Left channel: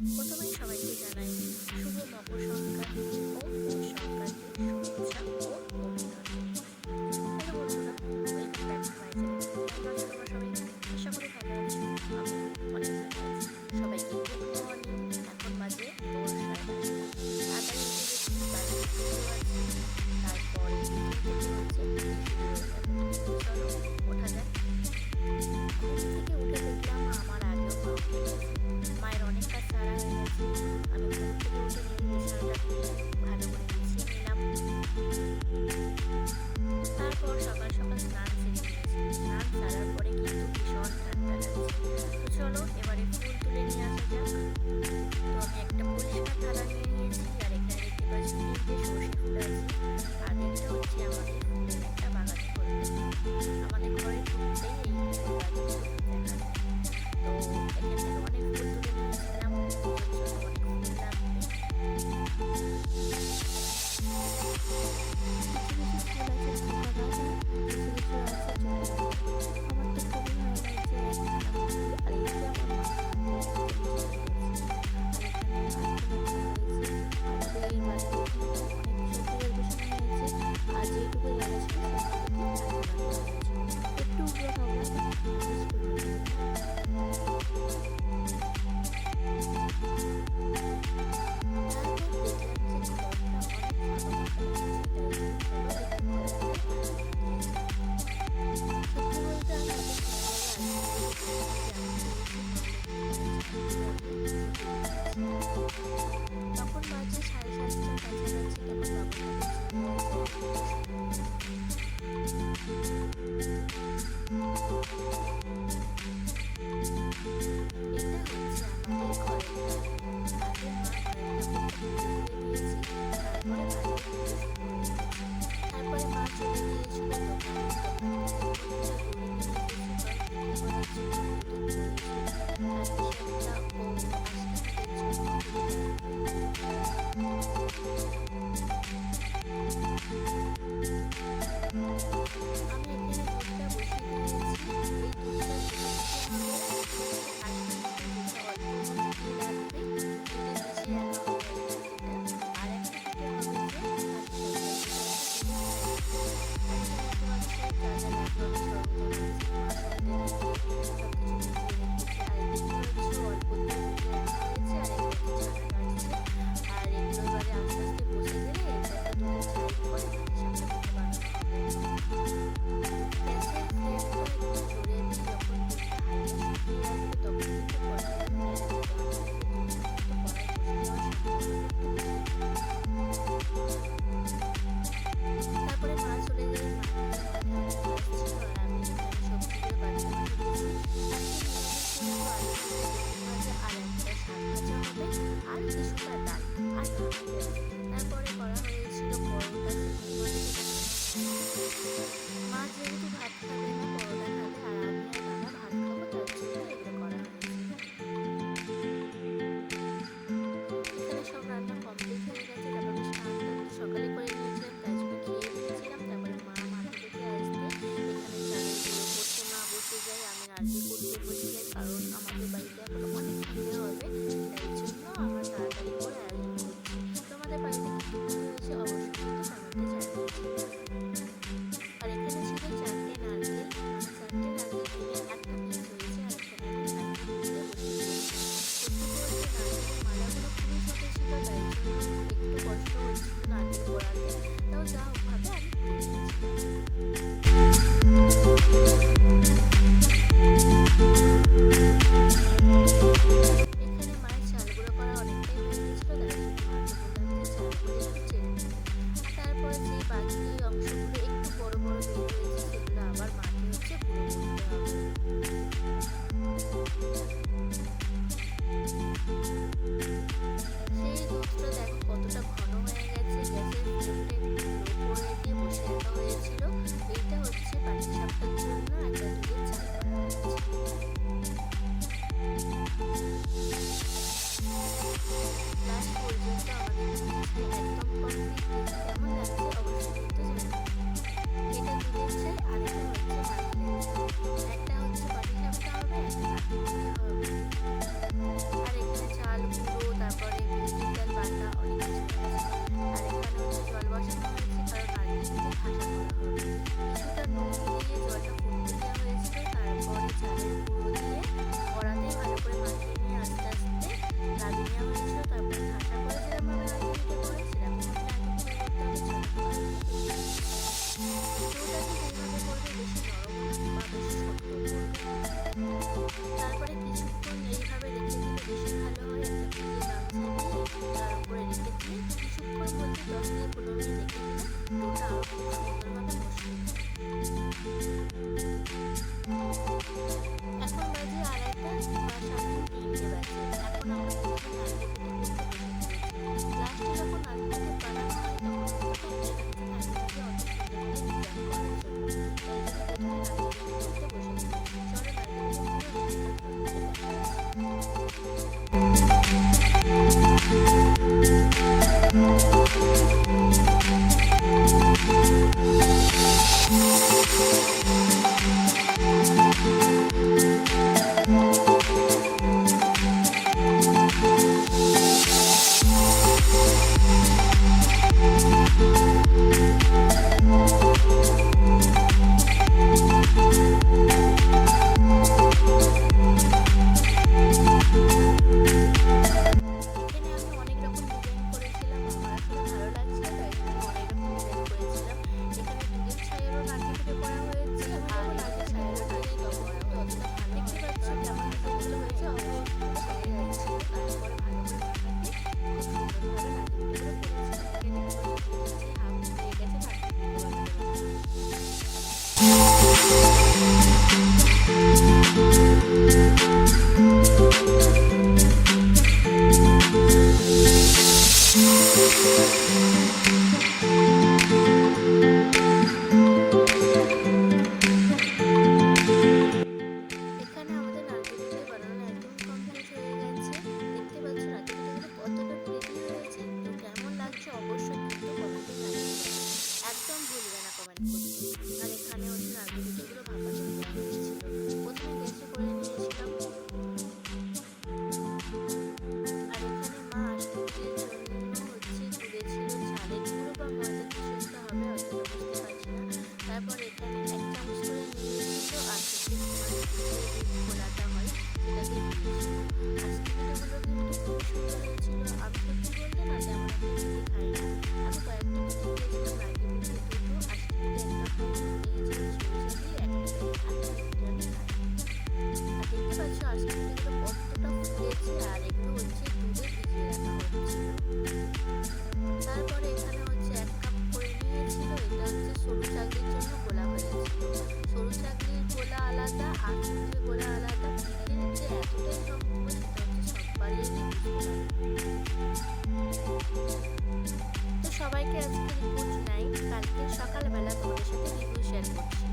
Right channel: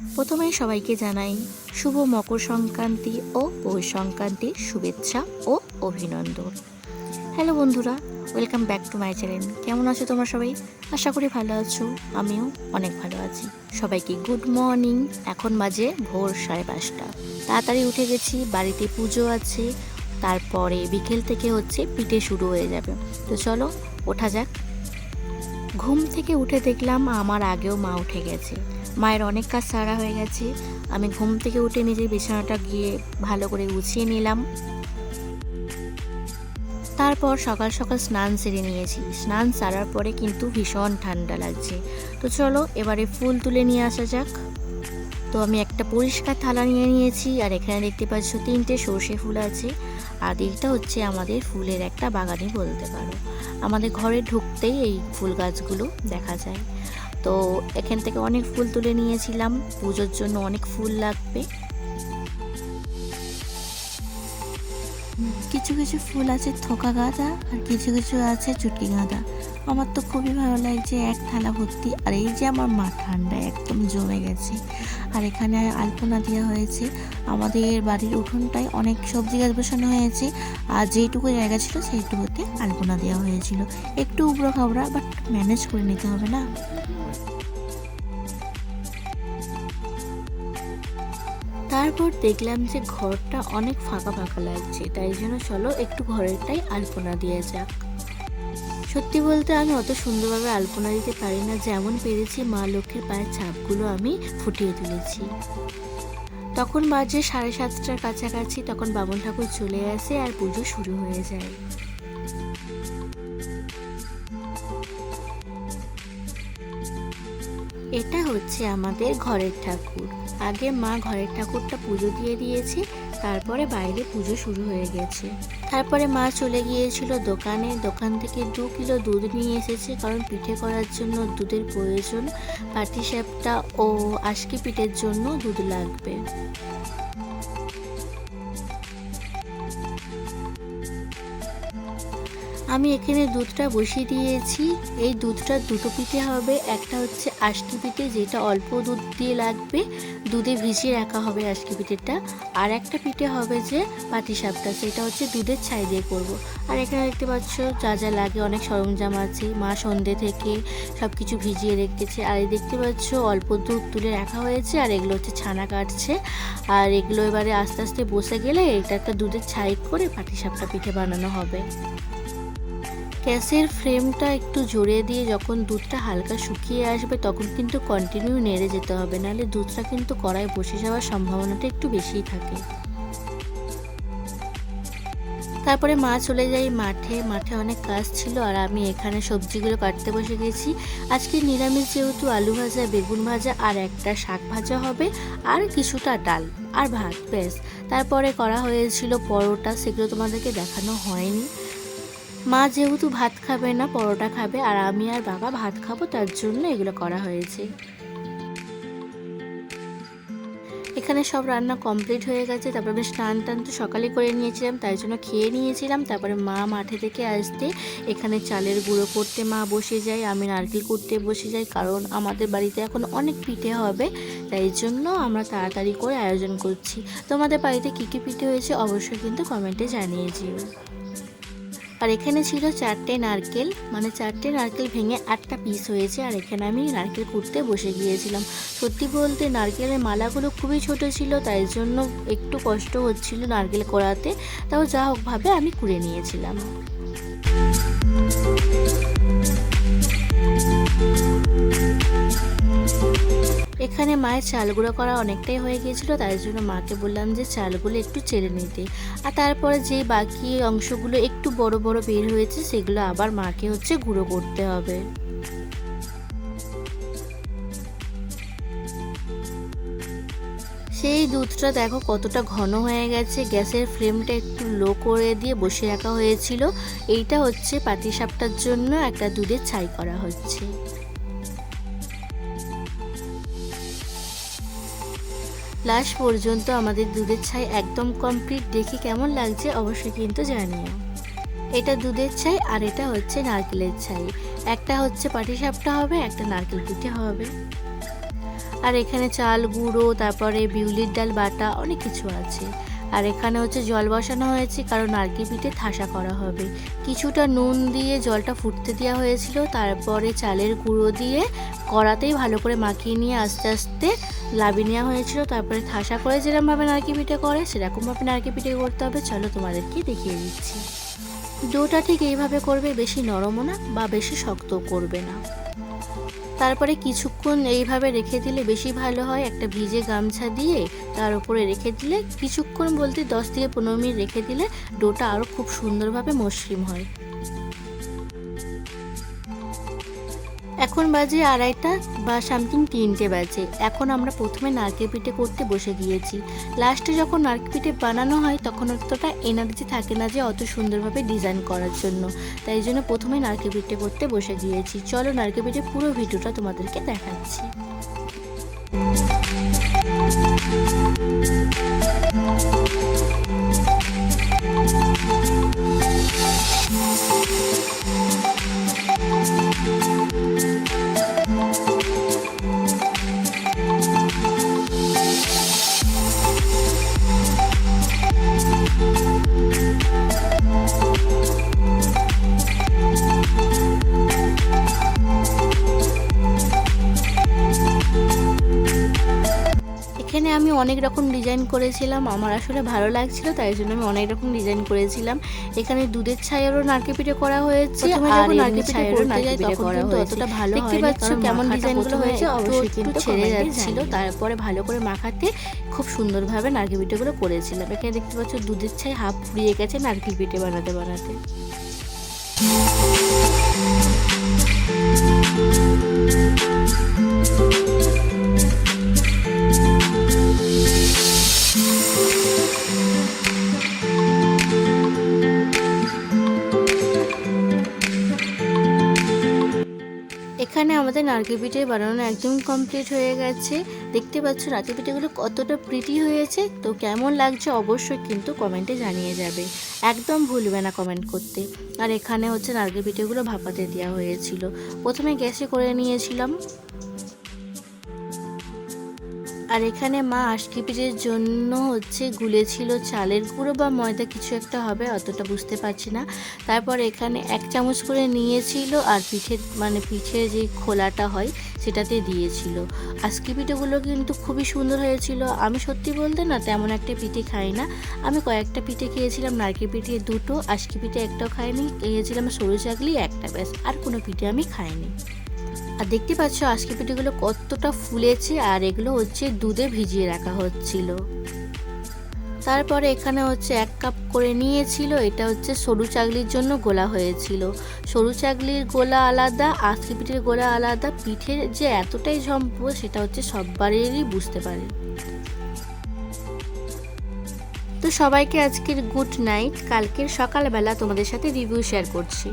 প্রথমেই সবাইকে জানাই শুভ মকর সংক্রান্তি ও পৌষ সংক্রান্তির শুভেচ্ছা ও অভিনন্দন। হ্যালো বন্ধুরা, welcome back to my channel. কেমন আছো তোমরা সবাই? আশা করি ভালো আছো, আমিও অনেক ভালো আছি। সবাইকে গুড মর্নিং। এখন বাজে ভোর 5:30। তাড়াতাড়ি উঠে গেছি, বাড়িতে পুজো আছে, তারপরে বিকেল থেকে পিঠে শুরু হয়ে যাবে। তো চলো ওঠা যাক। ঘুম থেকে উঠে দেখলাম আমার আগেও মা উঠে গেছে। মায়ের অনেক কাজ সারা হয়ে গেছে। আমি ঘুম থেকে উঠে নিজের বিছানাটা গিয়ে ভালো করে গুছিয়ে নিলাম। তারপর সকাল সকাল স্নান সেরে নিয়েছি। স্নান সারার পরে কিন্তু ভীষণ ঠান্ডা লাগছে। তো চলো এবারে ফুল তুলে নিয়ে আসা যাক। তো আমি একটা পরিষ্কার থালা নিয়ে নিয়েছি, আর এখানে দেখতে পাচ্ছ 3টে সর্ষে ফুল আছে। আর এইটা আমাদের ফুলের একটা বাগানই বলতে পারো। আমাদের ঘরে ঢুকতেই এই ফুল গাছগুলো দেখা যায়। তো এখান থেকে অনেক ফুল তুলে নিয়েছিলাম, পুজোর জন্য অনেক ফুল লাগবে। কিছু কিছু ফুল আছে থোকা গাঁদা, আর কিছু কিছু আছে চুটকি গাঁদা। আমার তো খুবই ভালো লাগছে, এক থালা ভর্তি। আর এই যে আমার মা ঠান্ডা একদম জমে গেছে। আর এখানে আলপনা দেওয়া হয়েছে। আমাদের বাড়ির উঠোনটায় অনেক সবজি গাছ বসানো হয়েছে, আর যেইটুকু জায়গা ছিল সেইটুকুতে আলপনা দেওয়া হয়েছিল। একটু উবড়ো খাবড়া, বাট ম্যানেজ করে নিতে হবে না। তারপর দেখলাম যে ঘরটা অনেক ফাঁকা ফাঁকা লাগছে, তাই জন্য চলো একটু ঘরেরটাই আলপনা দিয়ে যাক। সত্যি বলতে আমি অত সুন্দরভাবে আলপনা দিতে পারি না, যেমন পেরেছি মা লক্ষ্মীর পায়ের ছাপগুলো আমি ফুটিয়ে তুলেছি। তখন বাজে 7:30টার কাছাকাছি। তখন বামুন ঠাকুর চলে আসে আর পুজো শুরু হয়ে যায়। এটা আমাদের ঘরের ঠাকুর। আগে মা ঘরের ঠাকুরটা পুজো দিয়ে দিয়েছে, তারপরে বাইরে পুজো শুরু হয়ে গেছে। তারপরে মা চলে গিয়েছিল দোকানে। দোকান থেকে 2 কিলো দুধ নিয়ে এসেছে, কারণ পিঠে করার জন্য দুধের প্রয়োজন। পাটিসাপটা ও আশকি পিঠের জন্য দুধ লাগবে। আমি এখানে দুধটা বসিয়ে দিয়েছি। এই দুধটা দুটো পিঠে হবে। একটা আশকি পিঠে, যেটা অল্প দুধ দিয়ে লাগবে, দুধে ভিজিয়ে রাখা হবে আশকি পিঠেটা। আর একটা পিঠে হবে যে পাটিসাপটা, সেটা দুধের ছাই দিয়ে করবো। আর এখানে দেখতে পাচ্ছ যা যা লাগে, অনেক সরঞ্জাম আছে। মা সন্ধ্যে থেকে সব কিছু ভিজিয়ে রেখেছে। আর এই দেখতে পাচ্ছ অল্প দুধ তুলে রাখা হয়েছে, আর এগুলো ছানা কাটছে। আর এগুলো এবারে আস্তে আস্তে বসে গেলে এটা একটা দুধের ছাই করে পাটিসাপটা পিঠে বানানো হবে। গ্যাসের ফ্লেমটা একটু জোরে দিয়ে যখন দুধটা হালকা শুকিয়ে আসবে, তখন কিন্তু কন্টিনিউ নেড়ে যেতে হবে, নাহলে দুধটা কিন্তু কড়াই বসে যাওয়ার সম্ভাবনাটা একটু বেশিই থাকে। তারপরে মা চলে যাই মাঠে। মাঠে অনেক কাজ ছিল, আর আমি এখানে সবজিগুলো কাটতে বসে গেছি। আজকে নিরামিষ যেহেতু আলু ভাজা, বেগুন ভাজা, আর একটা শাক ভাজা হবে, আর কিছুটা ডাল আর ভাত, ব্যাস। তারপরে করা হয়েছিল পরোটা, সেগুলো তোমাদেরকে দেখানো হয়নি। মা যেহেতু ভাত খাবে না, পরোটা খাবে, আর আমি আর বাবা ভাত খাবো, তার জন্য এগুলো করা হয়েছে। এখানে সব রান্না কমপ্লিট হয়ে গেছে। তারপরে আমি স্নান টান তো সকালে করে নিয়েছিলাম, তাই জন্য খেয়ে নিয়েছিলাম। তারপরে মা মাঠে থেকে আসতে এখানে চালের গুঁড়ো করতে মা বসে যায়, আমি নারকেল করতে বসে যাই, কারণ আমাদের বাড়িতে এখন অনেক পিঠে হবে, তাই জন্য আমরা তাড়াতাড়ি করে আয়োজন করছি। তোমাদের বাড়িতে কী কী পিঠে হয়েছে অবশ্যই কিন্তু কমেন্টে জানিয়েছি। আর এখানে ছিল 4টে নারকেল, মানে 4টে নারকেল ভেঙে একটা পিস হয়েছে। আর এখানে আমি নারকেল কুড়তে বসে গিয়েছিলাম। সত্যি বলতে নারকেলের মালাগুলো খুবই ছোট ছিল, তাই জন্য একটু কষ্ট হচ্ছিল নারকেল কোড়াতে। তাও যা হোক ভাবে আমি কুড়ে নিয়েছিলাম। এখানে মায়ের চাল গুঁড়ো করা অনেকটাই হয়ে গিয়েছিল, তাই জন্য মাকে বললাম যে চালগুলো একটু চেড়ে নিতে। আর তারপরে যে বাকি অংশগুলো একটু বড় বড় বের হয়েছে, সেগুলো আবার মাকে গুঁড়ো করতে হবে। সেই দুধটা দেখো কতটা ঘন হয়ে গেছে। গ্যাসের ফ্লেমটা একটু লো করে দিয়ে বসে রাখা হয়েছিল। এইটা পাটিসাপটার জন্য একটা দুধের ছাই করা হচ্ছে। লাস্ট পর্যন্ত আমাদের দুধের ছাই একদম কমপ্লিট। দেখি কেমন লাগছে অবশ্যই কিন্তু জানিও। এটা দুধের ছাই, আর এটা নারকেলের ছাই। একটা পাটিসাপটা হবে, একটা নারকেল পিঠে হবে। আর এখানে চাল গুঁড়ো, তারপরে বিউলির ডাল বাটা, অনেক কিছু আছে। আর এখানে হচ্ছে জল বসানো হয়েছে, কারণ নারকেল পিঠে ঠাসা করা হবে। কিছুটা নুন দিয়ে জলটা ফুটতে দেওয়া হয়েছিল, তারপরে চালের গুঁড়ো দিয়ে কড়াতেই ভালো করে মাখিয়ে নিয়ে আস্তে আস্তে লাবি নেওয়া হয়েছিল। তারপরে ঠাসা করে যেরকমভাবে নারকেল পিঠে করে সেরকমভাবে নারকেল পিঠে করতে হবে। চলো তোমাদেরকে দেখিয়ে দিচ্ছি। ডোটা ঠিক এইভাবে করবে, বেশি নরমও না বা বেশি শক্ত করবে না। তারপরে কিছুক্ষণ এইভাবে রেখে দিলে বেশি ভালো হয়। একটা ভিজে গামছা দিয়ে তার উপরে রেখে দিলে কিছুক্ষণ বলতে 10 থেকে 15 মিনিট রেখে দিলে ডোটা আরও খুব সুন্দরভাবে মসৃণ হয়। এখন বাজে 2:30 বা সামথিং 3টে বাজে। এখন আমরা প্রথমে নারকেল পিঠে করতে বসে গিয়েছি। লাস্টে যখন নারকেল পিঠে বানানো হয় তখন অতটা এনার্জি থাকে না যে অত সুন্দরভাবে ডিজাইন করার জন্য, তাই জন্য প্রথমে নারকেল পিঠে করতে বসে গিয়েছি। চলো নারকেল পিঠে পুরো ভিডিওটা তোমাদেরকে দেখাচ্ছি। এখানে আমি অনেক রকম ডিজাইন করেছিলাম, আমার আসলে ভালো লাগছিল তাই জন্য আমি অনেক রকম ডিজাইন করেছিলাম। এখানে দুধের ছাইয়েরও নারকেল পিঠে করা হয়েছে, আর নারকেল ছাইয়েরও নারকেল পিঠে করা হয়েছে। অতটা ভালো দেখতে পাচ্ছ কেমন ডিজাইনগুলো হয়েছে, অবশ্যই কিন্তু ছেড়ে যাচ্ছিল। তারপরে ভালো করে মাখাতে খুব সুন্দরভাবে নারকেল পিঠেগুলো করেছিলাম। এখানে দেখতে পাচ্ছ দুধের ছাই হাফ ফুরিয়ে গেছে নারকেল পিঠে বানাতে বানাতে। এখানে আমাদের নারকেল পিঠে বানানো একদম কমপ্লিট হয়ে গেছে। দেখতে পাচ্ছ নারকেল পিঠেগুলো কতটা প্রিটি হয়েছে। তো কেমন লাগছে অবশ্যই কিন্তু কমেন্টে জানিয়ে যাবে, একদম ভুলবে না কমেন্ট করতে। আর এখানে হচ্ছে নারকেল পিঠেগুলো ভাপাতে দেওয়া হয়েছিল। প্রথমে গ্যাসে করে নিয়েছিলাম। আর এখানে মা আশকি পিঠের জন্য হচ্ছে গুলেছিল চালের গুঁড়ো বা ময়দা, কিছু একটা হবে, অতটা বুঝতে পারছি না। তারপর এখানে 1 চামচ করে নিয়েছিল আর পিঠের যে খোলাটা হয় সেটাতে দিয়েছিল। আশকি পিঠেগুলো কিন্তু খুবই সুন্দর হয়েছিল। আমি সত্যি বলতে না তেমন একটা পিঠে খাই না, আমি কয়েকটা পিঠে খেয়েছিলাম। নারকেল পিঠে 2টো, আশকি পিঠে 1টাও খাইনি, খেয়েছিলাম সরু চাকলি 1টা, ব্যাস, আর কোনো পিঠে আমি খাইনি। আর দেখতে পাচ্ছ আজকে পিঠেগুলো কতটা ফুলেছে, আর এগুলো হচ্ছে দুধে ভিজিয়ে রাখা হচ্ছিল। তারপরে এখানে হচ্ছে 1 কাপ করে নিয়েছিল, এটা হচ্ছে সরু চাকলির জন্য গোলা হয়েছিল। সরু চাকলির গোলা আলাদা, আজকে পিঠের গোলা আলাদা। পিঠের যে এতটাই ঝম্প সেটা হচ্ছে সববারেরই বুঝতে পারে। তো সবাইকে আজকের গুড নাইট। কালকের সকালবেলা তোমাদের সাথে রিভিউ শেয়ার করছি।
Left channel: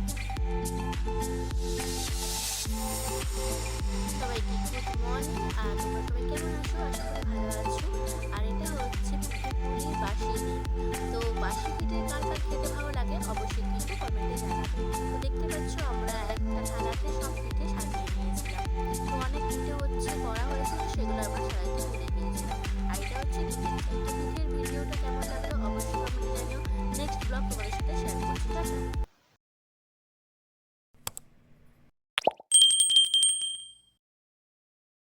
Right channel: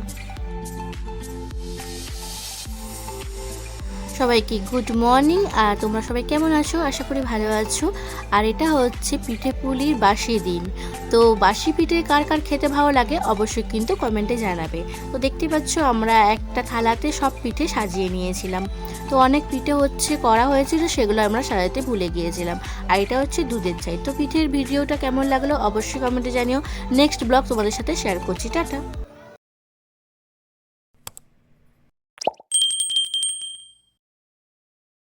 সবাইকে গুড মর্নিং। আর তোমরা সবাই কেমন আছো? আশা করি ভালো আছো। আর এটা হচ্ছে পিঠে পুলির বাসি দিন। তো বাসি পিঠে কার কার খেতে ভালো লাগে অবশ্যই কিন্তু কমেন্টে জানাবে। তো দেখতে পাচ্ছ আমরা একটা থালাতে সব পিঠে সাজিয়ে নিয়েছিলাম। তো অনেক পিঠে হচ্ছে করা হয়েছিল, সেগুলো আমরা সাজাতে ভুলে গিয়েছিলাম। আর এটা হচ্ছে দুধের চাই। তো পিঠের ভিডিওটা কেমন লাগলো অবশ্যই কমেন্টে জানিও। নেক্সট ব্লগ তোমাদের সাথে শেয়ার করছি। টাটা।